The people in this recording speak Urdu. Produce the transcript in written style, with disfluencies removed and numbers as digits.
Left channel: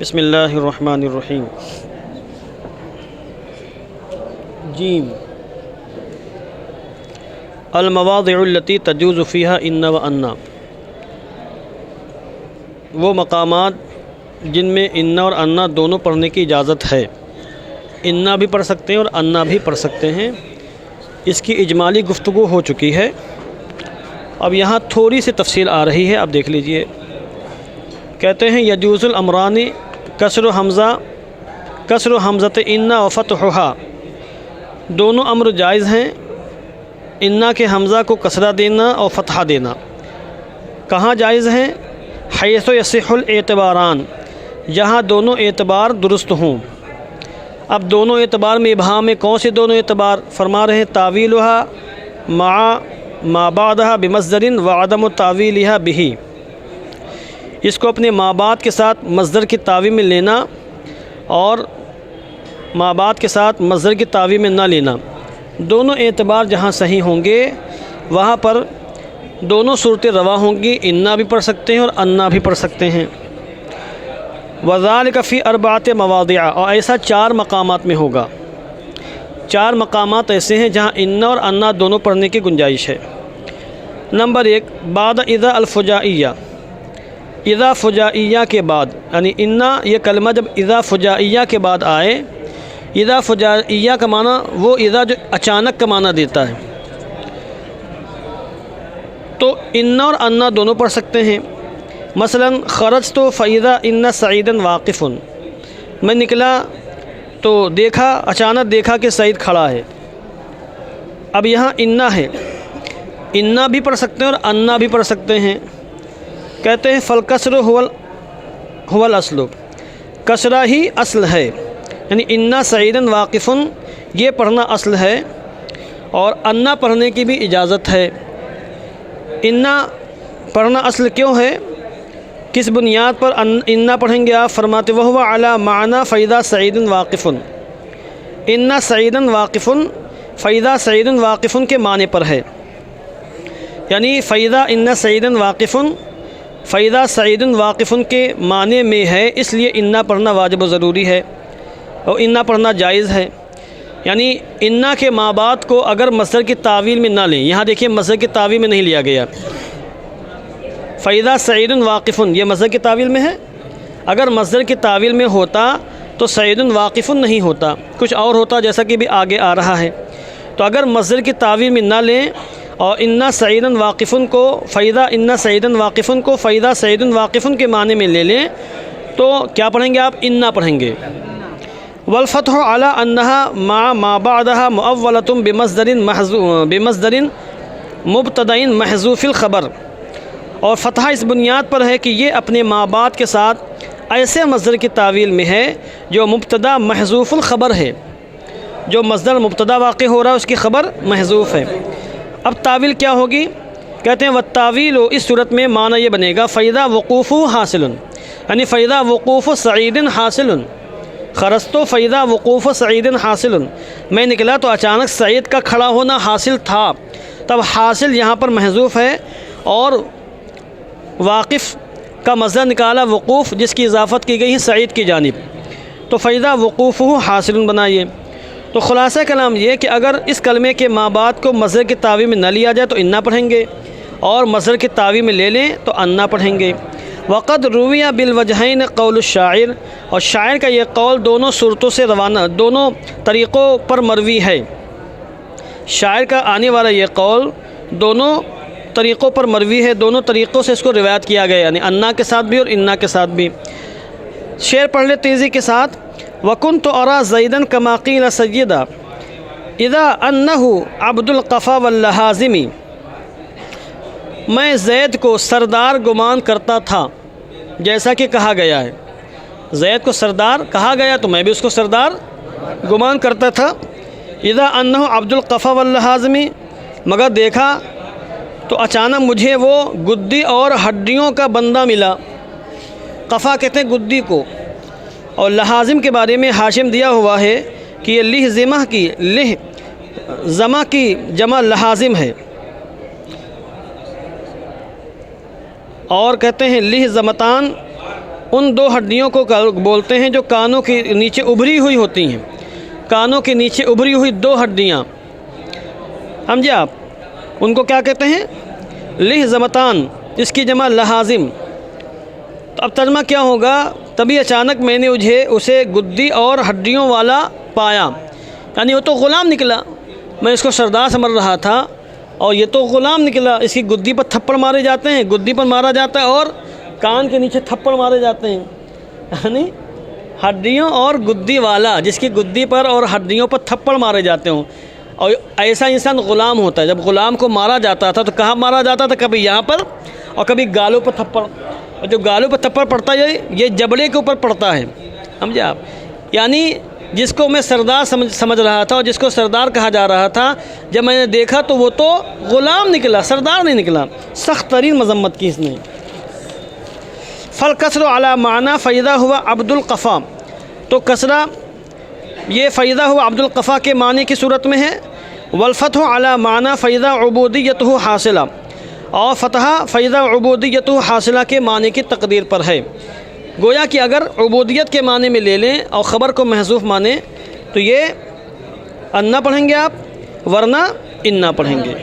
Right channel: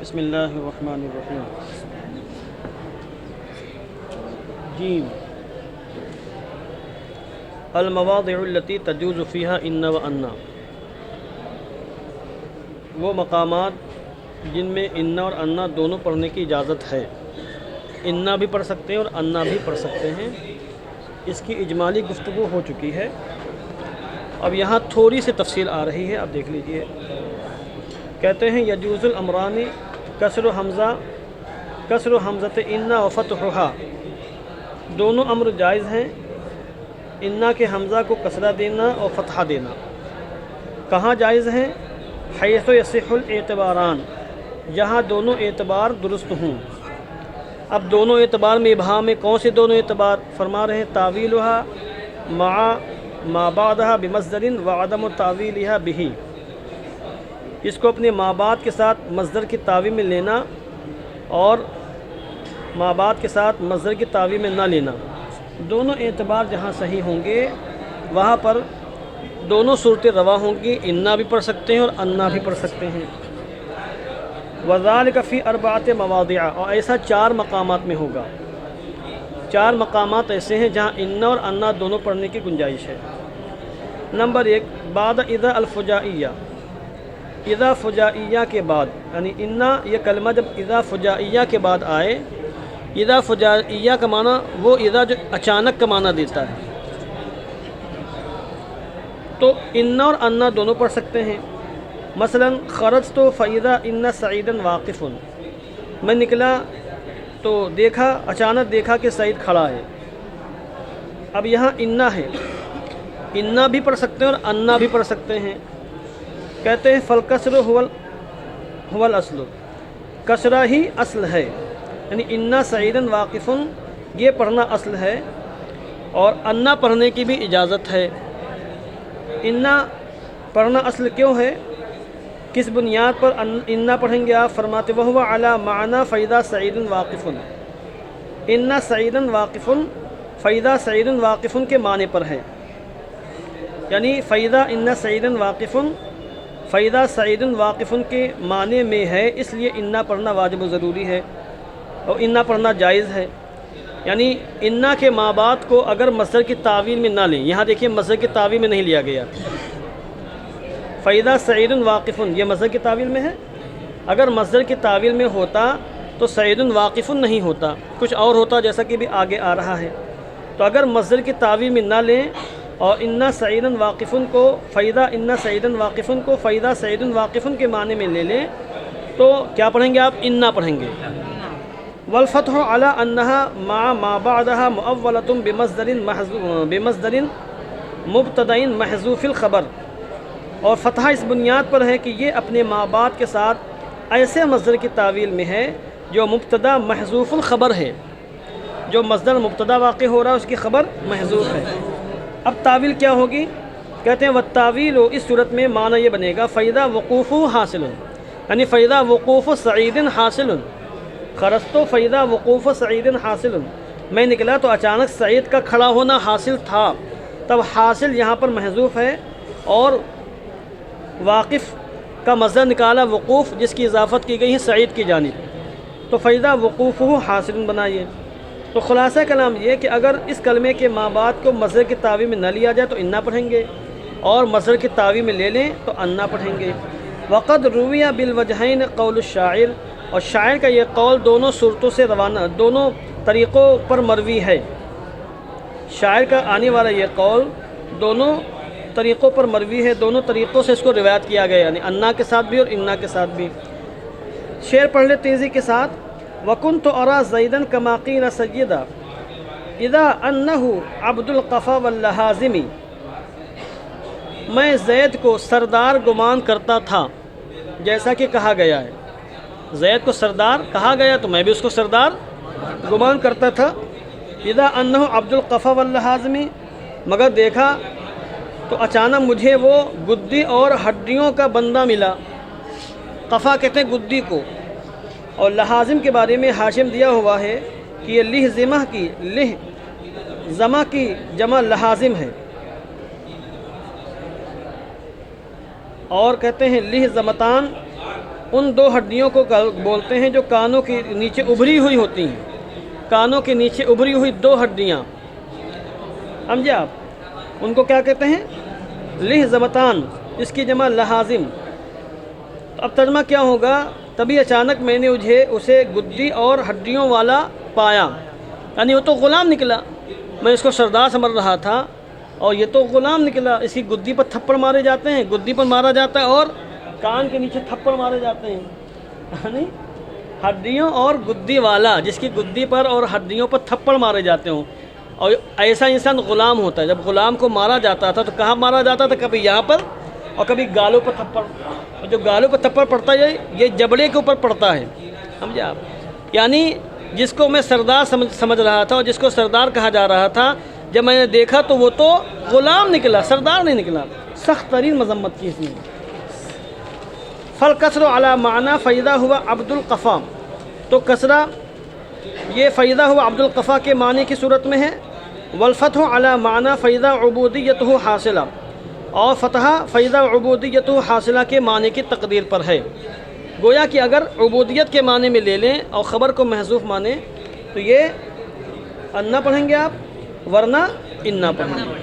بسم اللہ الرحمن الرحیم۔ جیم المواضع التي تجوز فيها ان و انا، وہ مقامات جن میں انا اور انا دونوں پڑھنے کی اجازت ہے۔ انا بھی پڑھ سکتے ہیں اور انا بھی پڑھ سکتے ہیں، اس کی اجمالی گفتگو ہو چکی ہے۔ اب یہاں تھوڑی سی تفصیل آ رہی ہے، آپ دیکھ لیجئے۔ کہتے ہیں یجوز الامرانی کسر حمزۃ انا و فتحھا، دونوں امر جائز ہیں، انا کے حمزہ کو کسرہ دینا اور فتحہ دینا۔ کہاں جائز ہیں؟ حیث یصح الاعتباران، جہاں دونوں اعتبار درست ہوں۔ اب دونوں اعتبار میں ابہام میں کون سے دونوں اعتبار؟ فرما رہے تاویلھا مع ما بعدھا بمصدر وعدم تاویلھا بہ، اس کو اپنے ما بعد کے ساتھ مصدر کی تاویل میں لینا اور ما بعد کے ساتھ مصدر کی تاویل میں نہ لینا، دونوں اعتبار جہاں صحیح ہوں گے وہاں پر دونوں صورتیں روا ہوں گی، انا بھی پڑھ سکتے ہیں اور انا بھی پڑھ سکتے ہیں۔ وذالک فی اربعۃ مواضع، اور ایسا 4 مقامات میں ہوگا۔ 4 مقامات ایسے ہیں جہاں انا اور انا دونوں پڑھنے کی گنجائش ہے۔ نمبر 1، بعد اذا الفجائیہ، اذا فجائیہ کے بعد، یعنی انا یہ کلمہ جب اذا فجائیہ کے بعد آئے، اذا فجائیہ کا معنی وہ اذا جو اچانک کا معنی دیتا ہے، تو انا اور انا دونوں پڑھ سکتے ہیں۔ مثلا خرجت فاذا ان سعیدا واقف، میں نکلا تو دیکھا، اچانک دیکھا کہ سعید کھڑا ہے۔ اب یہاں انا ہے، انا بھی پڑھ سکتے ہیں اور انا بھی پڑھ سکتے ہیں۔ کہتے ہیں فالکسر هو الاصل، کسرہ ہی اصل ہے، یعنی انا سعیدا واقف یہ پڑھنا اصل ہے، اور انا پڑھنے کی بھی اجازت ہے۔ انا پڑھنا اصل کیوں ہے؟ کس بنیاد پر انا پڑھیں گے؟ آپ فرماتے وہو علی معنی فاذا سعید واقف، انا سعید واقف فاذا سعید واقف کے معنی پر ہے، یعنی فاذا ان سعید واقف فاذا سعید واقف کے معنی میں ہے، اس لیے انا پڑھنا واجب و ضروری ہے اور انا پڑھنا جائز ہے۔ یعنی انا کے ما بعد کو اگر مصدر کی تعویل میں نہ لیں، یہاں دیکھیے مصدر کی تعویل میں نہیں لیا گیا، فاذا سعید واقف یہ مصدر کی تعویل میں ہے۔ اگر مصدر کی تعویل میں ہوتا تو سعید واقف نہیں ہوتا، کچھ اور ہوتا، جیسا کہ بھی آگے آ رہا ہے۔ تو اگر مصدر کی تعویل میں نہ لیں اور انا سعید واقف کو فاذا ان سعید واقف کو فاذا سعید واقف کے معنی میں لے لیں تو کیا پڑھیں گے آپ؟ انا پڑھیں گے۔ والفتح علی انها مع ما بعدها مؤولة بمصدر مبتدأ محذوف الخبر، اور فتح اس بنیاد پر ہے کہ یہ اپنے ما بعد کے ساتھ ایسے مصدر کی تعویل میں ہے جو مبتدا محذوف الخبر ہے، جو مصدر مبتدا واقع ہو رہا ہے اس کی خبر محذوف ہے۔ اب تعویل کیا ہوگی؟ کہتے ہیں والتعویل، اس صورت میں معنی یہ بنے گا فاذا وقوف حاصل، یعنی فاذا وقوف سعید حاصل، خرجت فاذا وقوف سعید حاصل، میں نکلا تو اچانک سعید کا کھڑا ہونا حاصل تھا، تب حاصل یہاں پر محذوف ہے، اور واقف کا مصدر نکالا وقوف، جس کی اضافت کی گئی ہے سعید کی جانب، تو فاذا وقوف حاصل بنائیے۔ تو خلاصہ کلام یہ کہ اگر اس کلمے کے ما بعد کو مصدر کی تعویل میں نہ لیا جائے تو انا پڑھیں گے، اور مصدر کی تعویل میں لے لیں تو انا پڑھیں گے۔ وقد روی بالوجہین قول الشاعر، اور شاعر کا یہ قول دونوں صورتوں سے روانہ، دونوں طریقوں پر مروی ہے۔ شاعر کا آنے والا یہ قول دونوں طریقوں پر مروی ہے، دونوں طریقوں سے اس کو روایت کیا گیا، یعنی انا کے ساتھ بھی اور انا کے ساتھ بھی۔ شعر پڑھ لے تیزی کے ساتھ۔ وَكُنْتُ أَرَى زَيْدًا كَمَا قِيلَ سَيِّدًا إِذَا أَنَّهُ عَبْدُ الْقَفَا وَاللَّحَازِمِ، میں زید کو سردار گمان کرتا تھا جیسا کہ کہا گیا ہے، زید کو سردار کہا گیا تو میں بھی اس کو سردار گمان کرتا تھا۔ اِذَا أَنَّهُ عَبْدُ الْقَفَا وَاللَّحَازِمِ، مگر دیکھا تو اچانک مجھے وہ گدی اور ہڈیوں کا بندہ ملا۔ قفا کہتے ہیں گدی کو، اور لحاظم کے بارے میں حاشم دیا ہوا ہے کہ یہ لہ زمہ کی جمع لحاظم ہے، اور کہتے ہیں لہ زمتان ان دو ہڈیوں کو بولتے ہیں جو کانوں کے نیچے ابھری ہوئی ہوتی ہیں، کانوں کے نیچے ابھری ہوئی دو ہڈیاں، سمجھے آپ، ان کو کیا کہتے ہیں؟ لحظمتان، اس کی جمع لحاظم۔ تو اب ترجمہ کیا ہوگا؟ تبھی اچانک میں نے اسے گدی اور ہڈیوں والا پایا، یعنی وہ تو غلام نکلا، میں اس کو سردار سمجھ رہا تھا اور یہ تو غلام نکلا، اس کی گدی پر تھپڑ مارے جاتے ہیں، گدی پر مارا جاتا ہے اور کان کے نیچے تھپڑ مارے جاتے ہیں، یعنی ہڈیوں اور گدی والا، جس کی گدی پر اور ہڈیوں پر تھپڑ مارے جاتے ہوں۔ اور ایسا انسان غلام ہوتا ہے۔ جب غلام کو مارا جاتا تھا تو کہاں مارا جاتا تھا؟ کبھی یہاں پر اور کبھی گالوں پر تھپڑ، اور جو گالوں پر تھپڑ پڑتا ہے یہ جبڑے کے اوپر پڑتا ہے، سمجھے آپ؟ یعنی جس کو میں سردار سمجھ رہا تھا اور جس کو سردار کہا جا رہا تھا، جب میں نے دیکھا تو وہ تو غلام نکلا، سردار نہیں نکلا۔ سخت ترین مذمت کی اس نے۔ فالکسر علی معنی فیضا ہوا عبد القفا، تو کسرہ یہ فیضا ہوا عبد القفا کے معنی کی صورت میں ہے، والفتح علی معنی فیضا عبودیتہ حاصلہ، اور فتح فیضا عبودیتہ حاصلہ کے معنی کی تقدیر پر ہے۔ گویا کہ اگر عبودیت کے معنی میں لے لیں اور خبر کو محذوف مانیں تو یہ انا پڑھیں گے آپ، ورنہ انا پڑھیں گے۔